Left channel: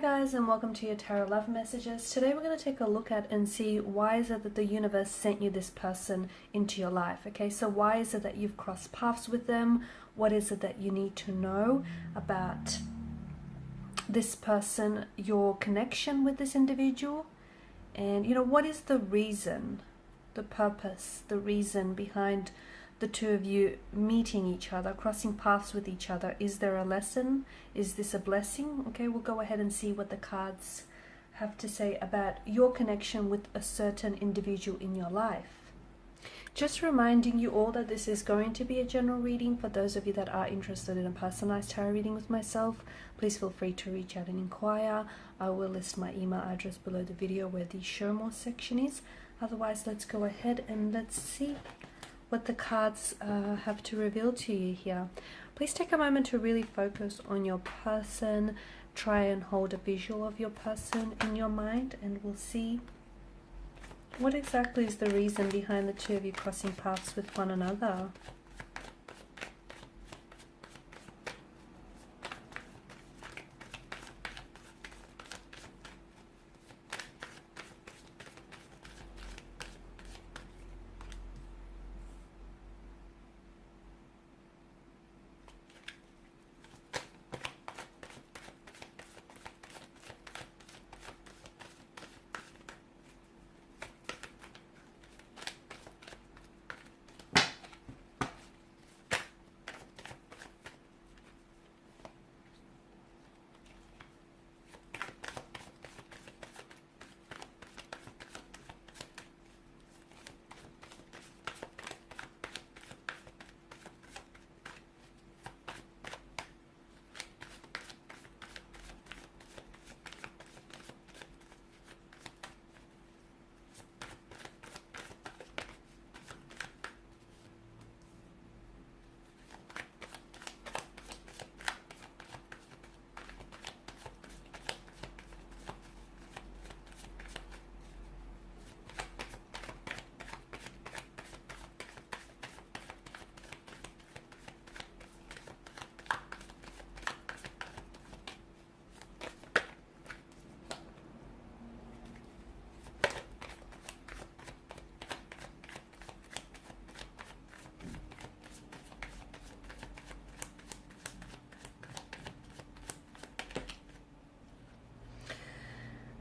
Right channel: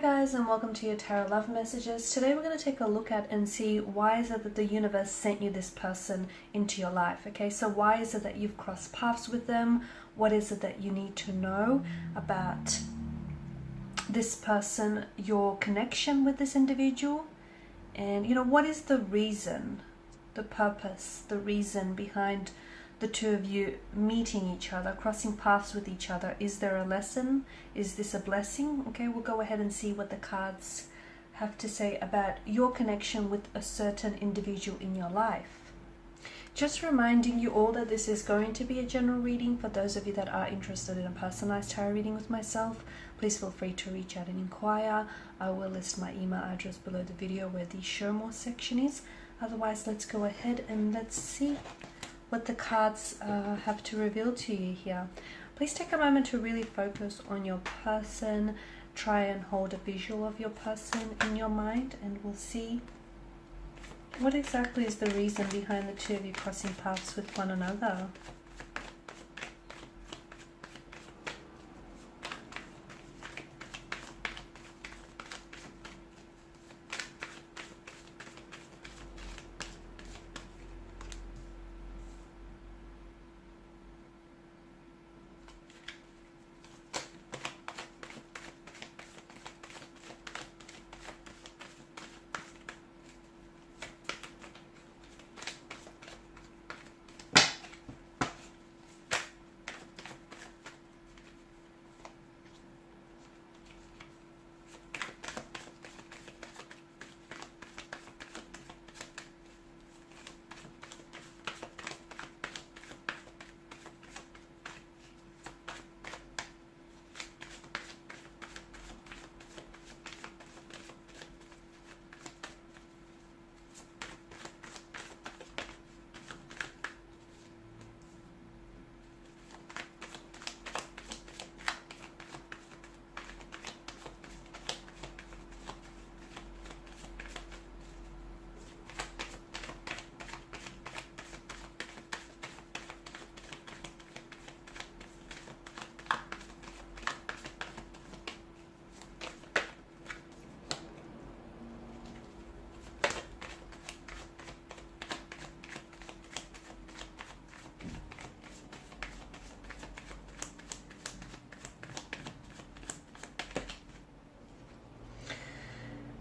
guys, and welcome to your Tarot Love Messages. Today we're going to take a look at and see why is it that the universe sent you this person into your life. Okay, so why is it that you've crossed paths with them? What is it that you need to know about this person, your connection with this individual? And what is the reason, the purpose, the reason behind the two of you meeting each other, crossing paths with each other? Is there a lesson? Is this a blessing? Okay, we'll go ahead and see what the cards have to say about your connection with a certain individual in your life. Just reminding you all that this is going to be a general reading. For those of you that are interested in a personalized tarot reading with myself, please feel free to reach out and inquire. I will list my email address below the video where the show more section is. Otherwise, let's go ahead and let's see what the cards have to reveal to you here. Please take a moment to really focus on your person. Try and hold a visual of your person in your mind, and we'll see what exactly is the reason behind the two of you crossing paths with one another.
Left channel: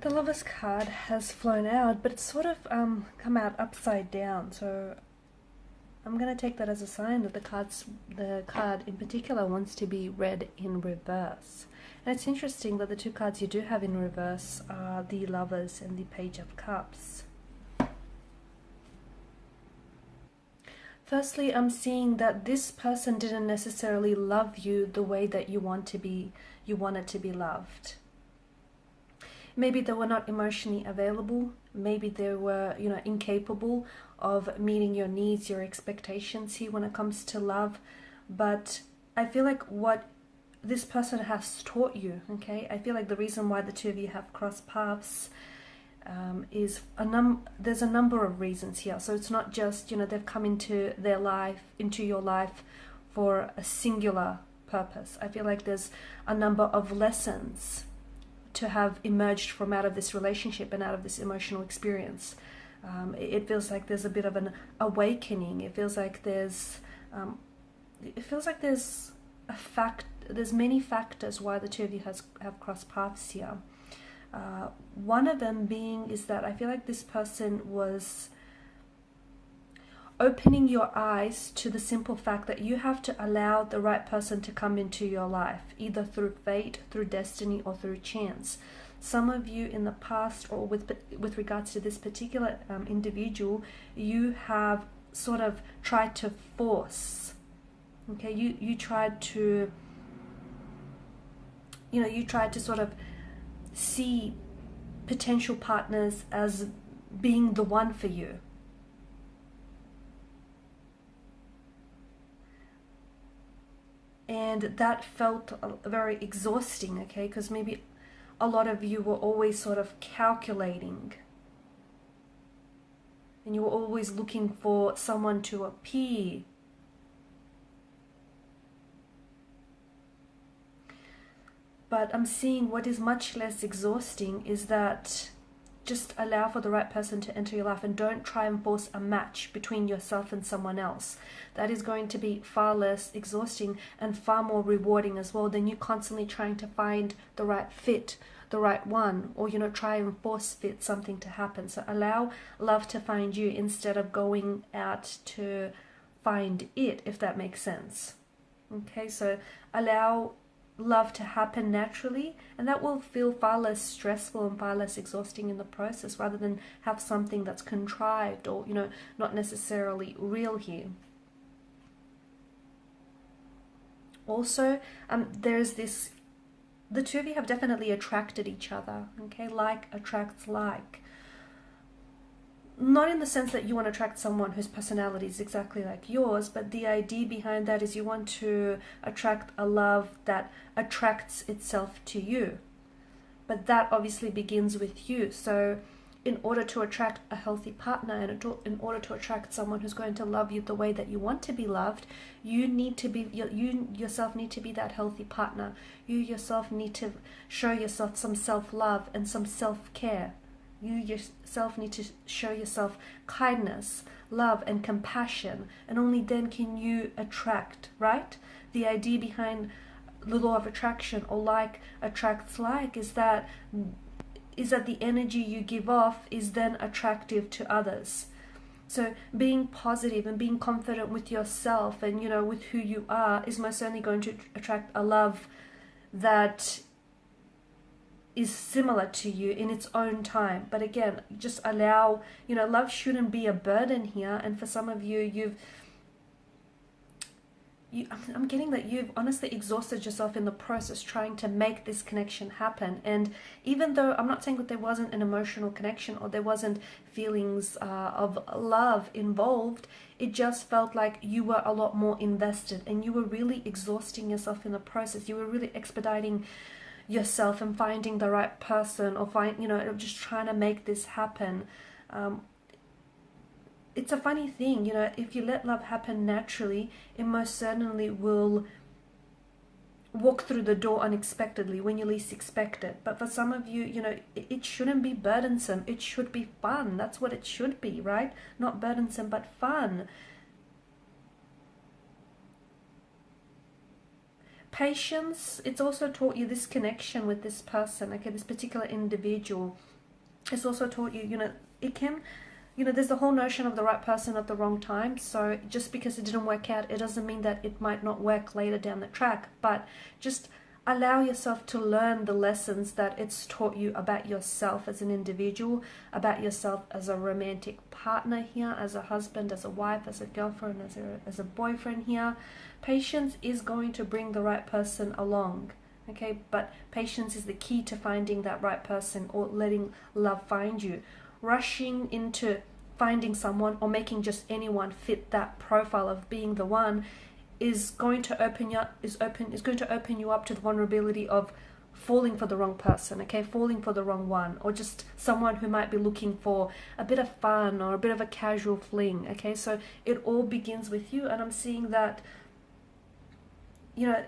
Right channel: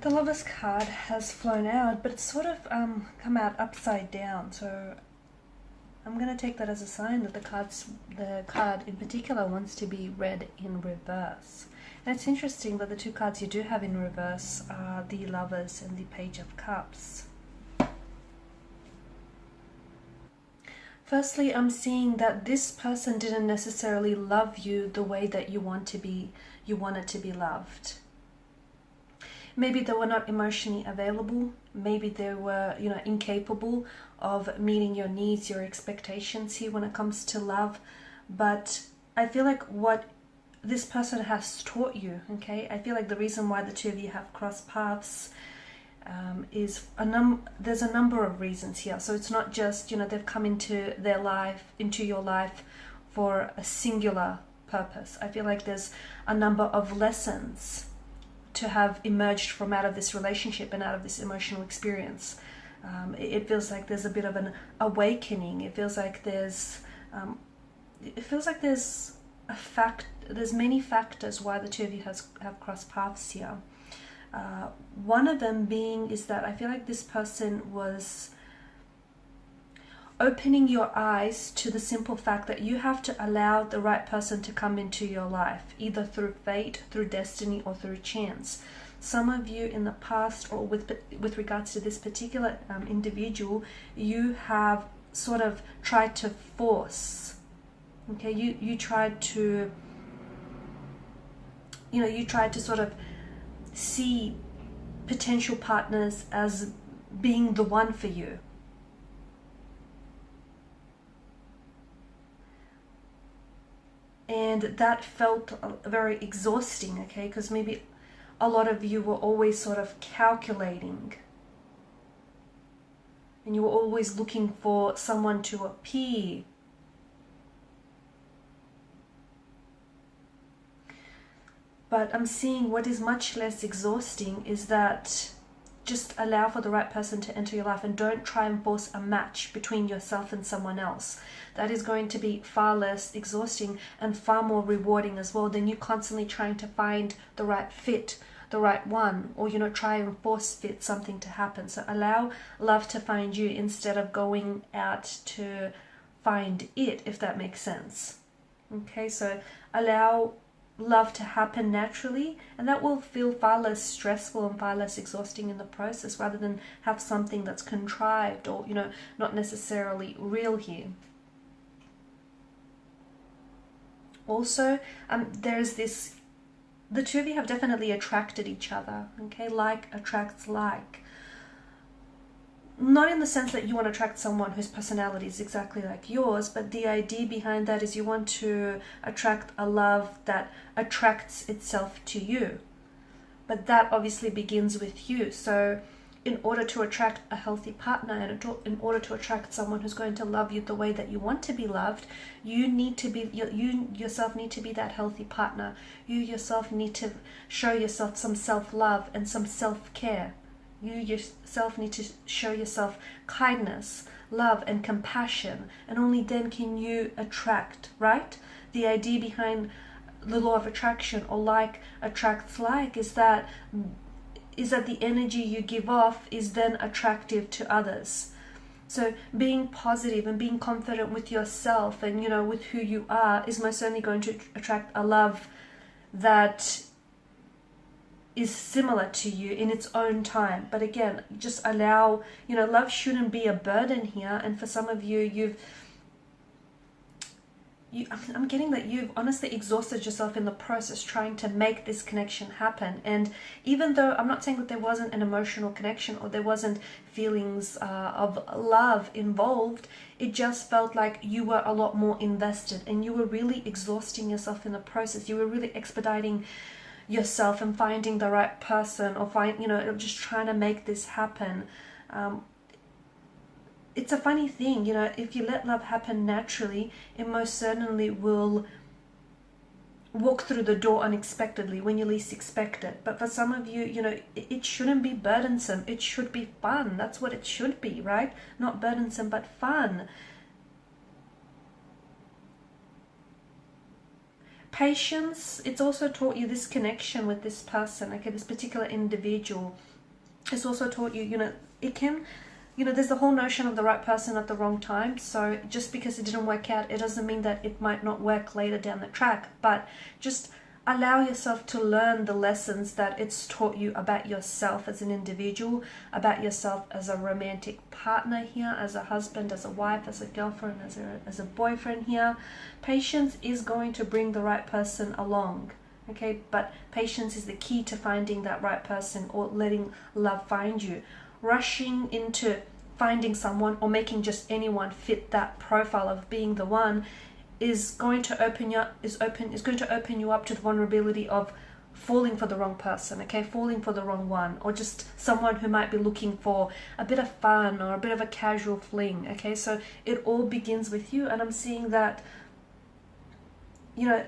The Lover's card has flown out, but it's sort of come out upside down. So I'm going to take that as a sign that the card in particular wants to be read in reverse. And it's interesting that the two cards you do have in reverse are the Lovers and the Page of Cups. Firstly, I'm seeing that this person didn't necessarily love you the way that you wanted to be loved. Maybe they were not emotionally available. Maybe they were, incapable of meeting your needs, your expectations here when it comes to love. But I feel like what this person has taught you, okay? I feel like the reason why the two of you have crossed paths is there's a number of reasons here. So it's not just, they've come into your life for a singular purpose. I feel like there's a number of lessons to have emerged from out of this relationship and out of this emotional experience. It feels like there's a bit of an awakening. It feels like there's there's many factors why the two of you have crossed paths here. One of them being is that I feel like this person was opening your eyes to the simple fact that you have to allow the right person to come into your life, either through fate, through destiny, or through chance. Some of you in the past, or with regards to this particular individual, you have sort of tried to force. Okay, you tried to, you tried to sort of see potential partners as being the one for you. And that felt very exhausting, okay? Because maybe a lot of you were always sort of calculating. And you were always looking for someone to appear. But I'm seeing what is much less exhausting is that just allow for the right person to enter your life and don't try and force a match between yourself and someone else. That is going to be far less exhausting and far more rewarding as well than you constantly trying to find the right fit, the right one, or try and force fit something to happen. So allow love to find you instead of going out to find it, if that makes sense. Okay, so allow love to happen naturally, and that will feel far less stressful and far less exhausting in the process, rather than have something that's contrived or not necessarily real here. Also, there's this, the two of you have definitely attracted each other, okay? Like attracts like. Not in the sense that you want to attract someone whose personality is exactly like yours, but the idea behind that is you want to attract a love that attracts itself to you. But that obviously begins with you. So in order to attract a healthy partner and in order to attract someone who's going to love you the way that you want to be loved, you yourself need to be that healthy partner. You yourself need to show yourself some self-love and some self-care. You yourself need to show yourself kindness, love, and compassion, and only then can you attract, right? The idea behind the law of attraction, or like attracts like, is that the energy you give off is then attractive to others. So being positive and being confident with yourself and with who you are is most certainly going to attract a love that is similar to you in its own time. But again, just allow, love shouldn't be a burden here. And for some of you, I'm getting that you've honestly exhausted yourself in the process trying to make this connection happen. And even though I'm not saying that there wasn't an emotional connection or there wasn't feelings of love involved, it just felt like you were a lot more invested and you were really exhausting yourself in the process. You were really expediting yourself and finding the right person, or just trying to make this happen. It's a funny thing, if you let love happen naturally, it most certainly will walk through the door unexpectedly when you least expect it. But for some of you, it shouldn't be burdensome. It should be fun. That's what it should be, right? Not burdensome, but fun. Patience, it's also taught you this connection with this person, okay, this particular individual. It's also taught you, it can, there's the whole notion of the right person at the wrong time. So just because it didn't work out, it doesn't mean that it might not work later down the track. But just allow yourself to learn the lessons that it's taught you about yourself as an individual, about yourself as a romantic partner here, as a husband, as a wife, as a girlfriend, as a boyfriend here. Patience is going to bring the right person along, okay? But patience is the key to finding that right person, or letting love find you. Rushing into finding someone or making just anyone fit that profile of being the one is going to open you up to the vulnerability of falling for the wrong person, okay? Falling for the wrong one, or just someone who might be looking for a bit of fun or a bit of a casual fling, okay? So it all begins with you, and I'm seeing that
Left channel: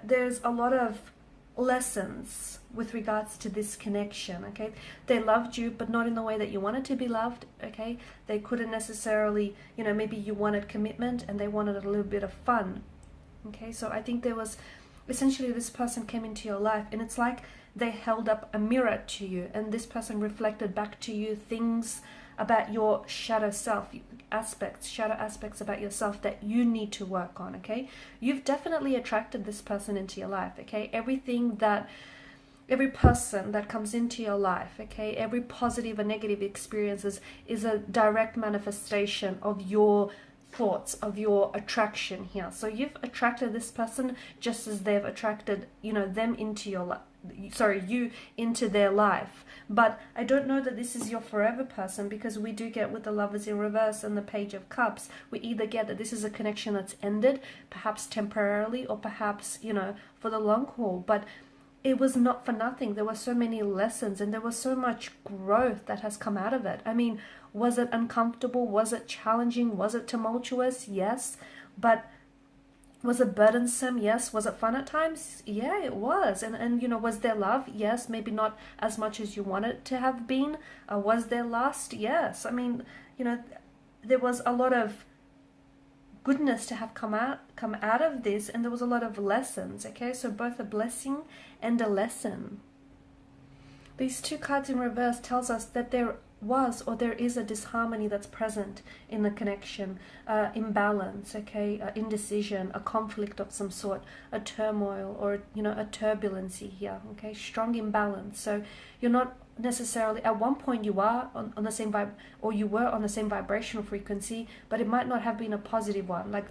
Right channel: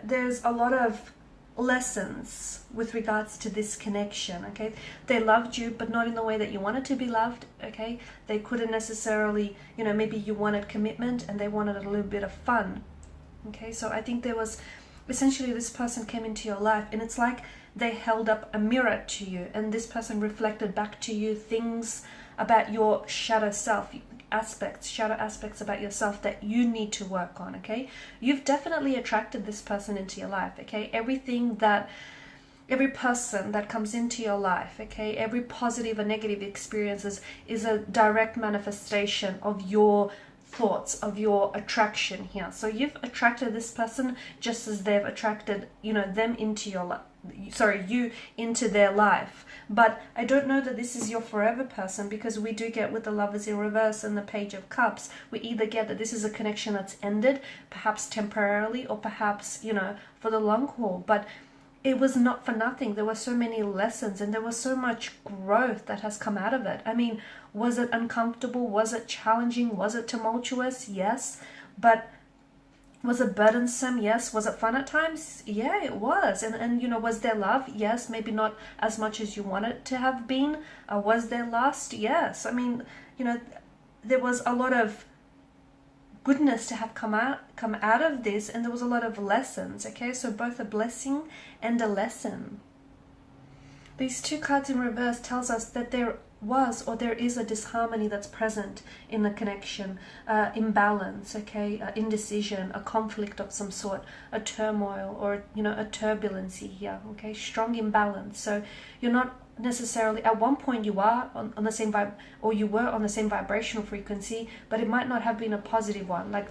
there's a lot of lessons with regards to this connection, okay? They loved you, but not in the way that you wanted to be loved, okay? They couldn't necessarily, maybe you wanted commitment and they wanted a little bit of fun, okay? So I think there was, essentially this person came into your life and it's like they held up a mirror to you, and this person reflected back to you things about your shadow aspects about yourself that you need to work on, okay? You've definitely attracted this person into your life, okay? Every person that comes into your life, okay, every positive and negative experiences is a direct manifestation of your thoughts, of your attraction here. So you've attracted this person just as they've attracted, them into your life. You into their life. But I don't know that this is your forever person, because we do get with the Lovers in reverse and the Page of Cups, we either get that this is a connection that's ended, perhaps temporarily, or perhaps, for the long haul. But it was not for nothing. There were so many lessons and there was so much growth that has come out of it. I mean, was it uncomfortable? Was it challenging? Was it tumultuous? Yes. But Was it burdensome? Yes. Was it fun at times? Yeah, it was. And you know, was there love? Yes. Maybe not as much as you want it to have been. Was there lust? Yes. I mean, you know, there was a lot of goodness to have come out of this, and there was a lot of lessons. Okay, so both a blessing and a lesson. These two cards in reverse tells us that there was or there is a disharmony that's present in the connection, imbalance, okay, indecision, a conflict of some sort, a turmoil, or you know, a turbulency here, okay, strong imbalance. So you're not necessarily, at one point you are on the same vibe, or you were on the same vibrational frequency, but it might not have been a positive one. Like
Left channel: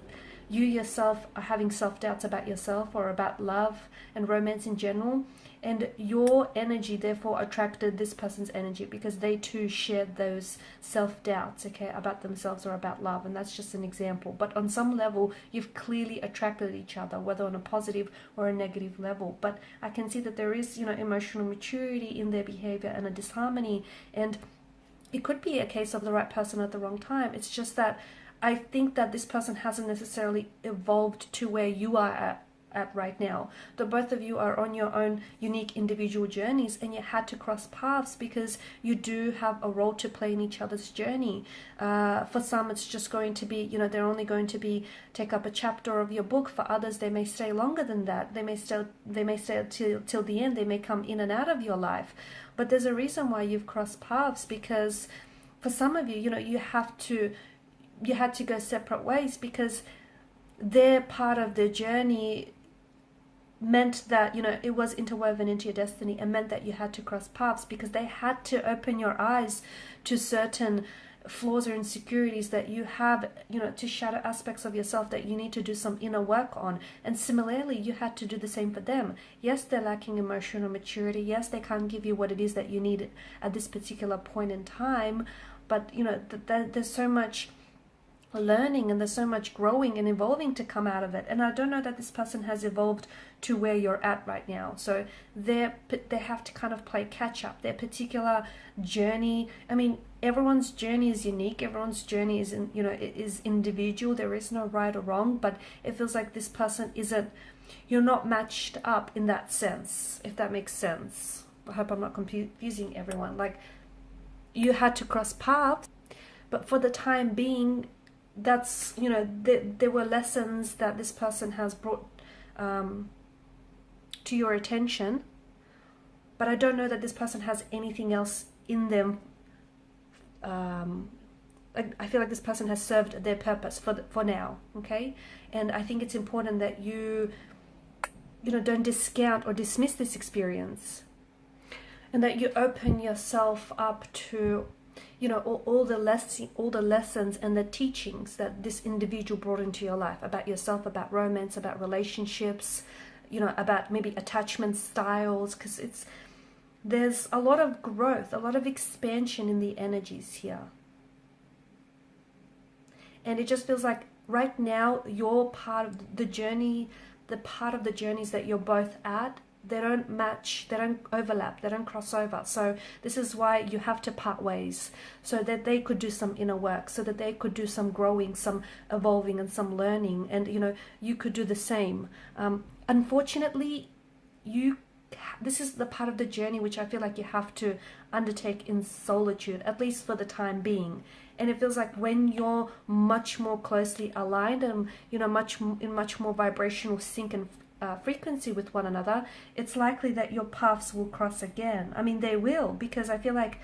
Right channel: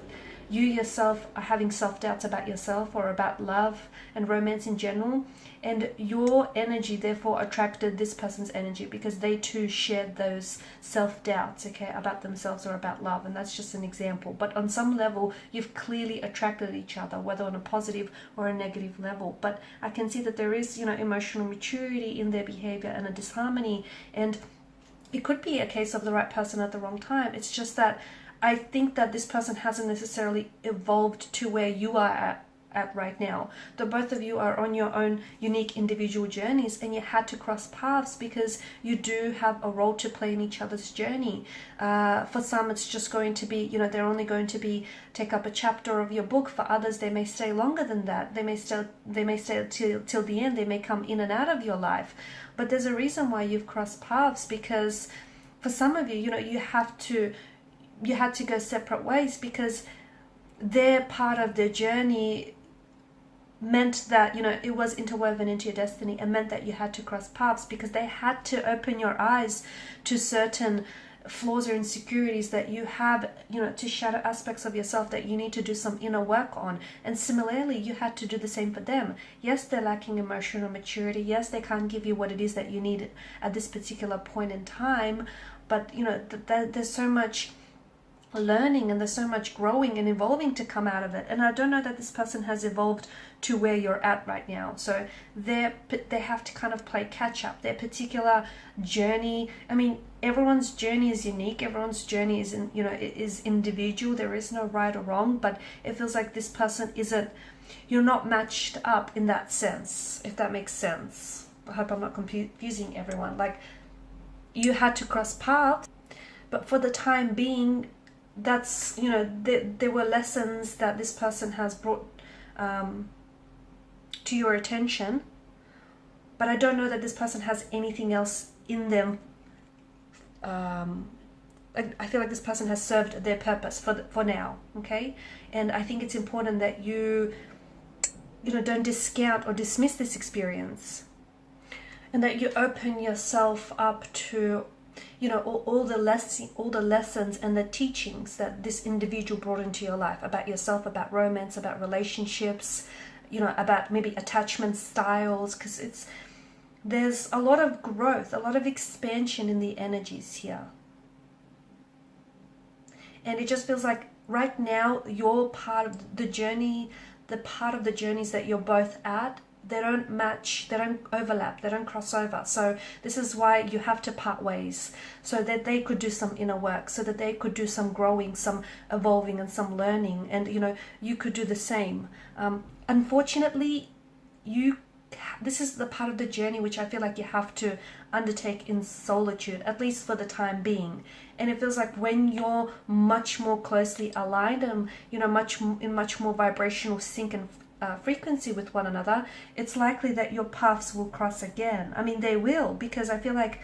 you yourself are having self-doubts about yourself or about love and romance in general, and your energy therefore attracted this person's energy because they too shared those self-doubts, okay, about themselves or about love. And that's just an example, but on some level you've clearly attracted each other, whether on a positive or a negative level. But I can see that there is, you know, emotional maturity in their behavior and a disharmony, and it could be a case of the right person at the wrong time. It's just that I think that this person hasn't necessarily evolved to where you are at right now. The both of you are on your own unique individual journeys, and you had to cross paths because you do have a role to play in each other's journey. For some it's just going to be, you know, they're only going to be take up a chapter of your book. For others they may stay longer than that. They may stay till the end. They may come in and out of your life. But there's a reason why you've crossed paths, because for some of you, you know, you had to go separate ways because their part of their journey meant that, you know, it was interwoven into your destiny, and meant that you had to cross paths because they had to open your eyes to certain flaws or insecurities that you have, you know, to shadow aspects of yourself that you need to do some inner work on. And similarly, you had to do the same for them. Yes, they're lacking emotional maturity. Yes, they can't give you what it is that you need at this particular point in time. But, you know, there's so much learning and there's so much growing and evolving to come out of it. And I don't know that this person has evolved to where you're at right now. So they have to kind of play catch up. Their particular journey, I mean, everyone's journey is unique. Everyone's journey is, you know, is individual. There is no right or wrong, but it feels like this person isn't, you're not matched up in that sense, if that makes sense. I hope I'm not confusing everyone. Like, you had to cross paths, but for the time being, that's, you know, there were lessons that this person has brought to your attention, but I don't know that this person has anything else in them. I feel like this person has served their purpose for now, okay? And I think it's important that you know, don't discount or dismiss this experience, and that you open yourself up to, you know, all the lessons and the teachings that this individual brought into your life about yourself, about romance, about relationships, you know, about maybe attachment styles, because there's a lot of growth, a lot of expansion in the energies here. And it just feels like right now you're part of the journey, the part of the journeys that you're both at, they don't match, they don't overlap, they don't cross over. So this is why you have to part ways, so that they could do some inner work, so that they could do some growing, some evolving, and some learning, and you know, you could do the same. Unfortunately, this is the part of the journey which I feel like you have to undertake in solitude, at least for the time being. And it feels like when you're much more closely aligned and, you know, much more vibrational sync and frequency with one another, it's likely that your paths will cross again. I mean, they will, because I feel like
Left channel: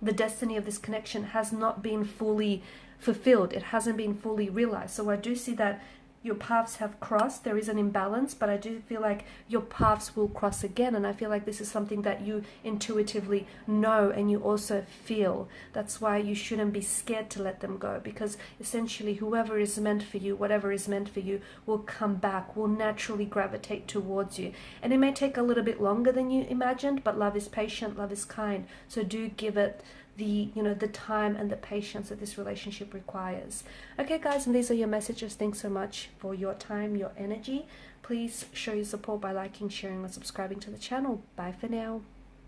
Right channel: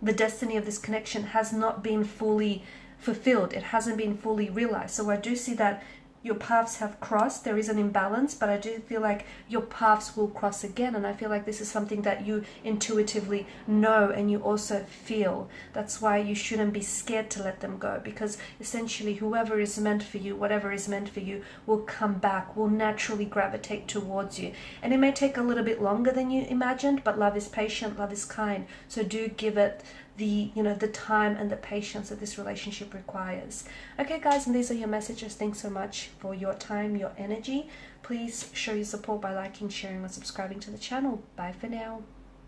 the destiny of this connection has not been fully fulfilled. It hasn't been fully realized. So I do see that your paths have crossed. There is an imbalance, but I do feel like your paths will cross again. And I feel like this is something that you intuitively know and you also feel. That's why you shouldn't be scared to let them go, because essentially whoever is meant for you, whatever is meant for you, will come back, will naturally gravitate towards you. And it may take a little bit longer than you imagined, but love is patient, love is kind. So do give it the time and the patience that this relationship requires. Okay guys, and these are your messages. Thanks so much for your time, your energy. Please show your support by liking, sharing, and subscribing to the channel. Bye for now.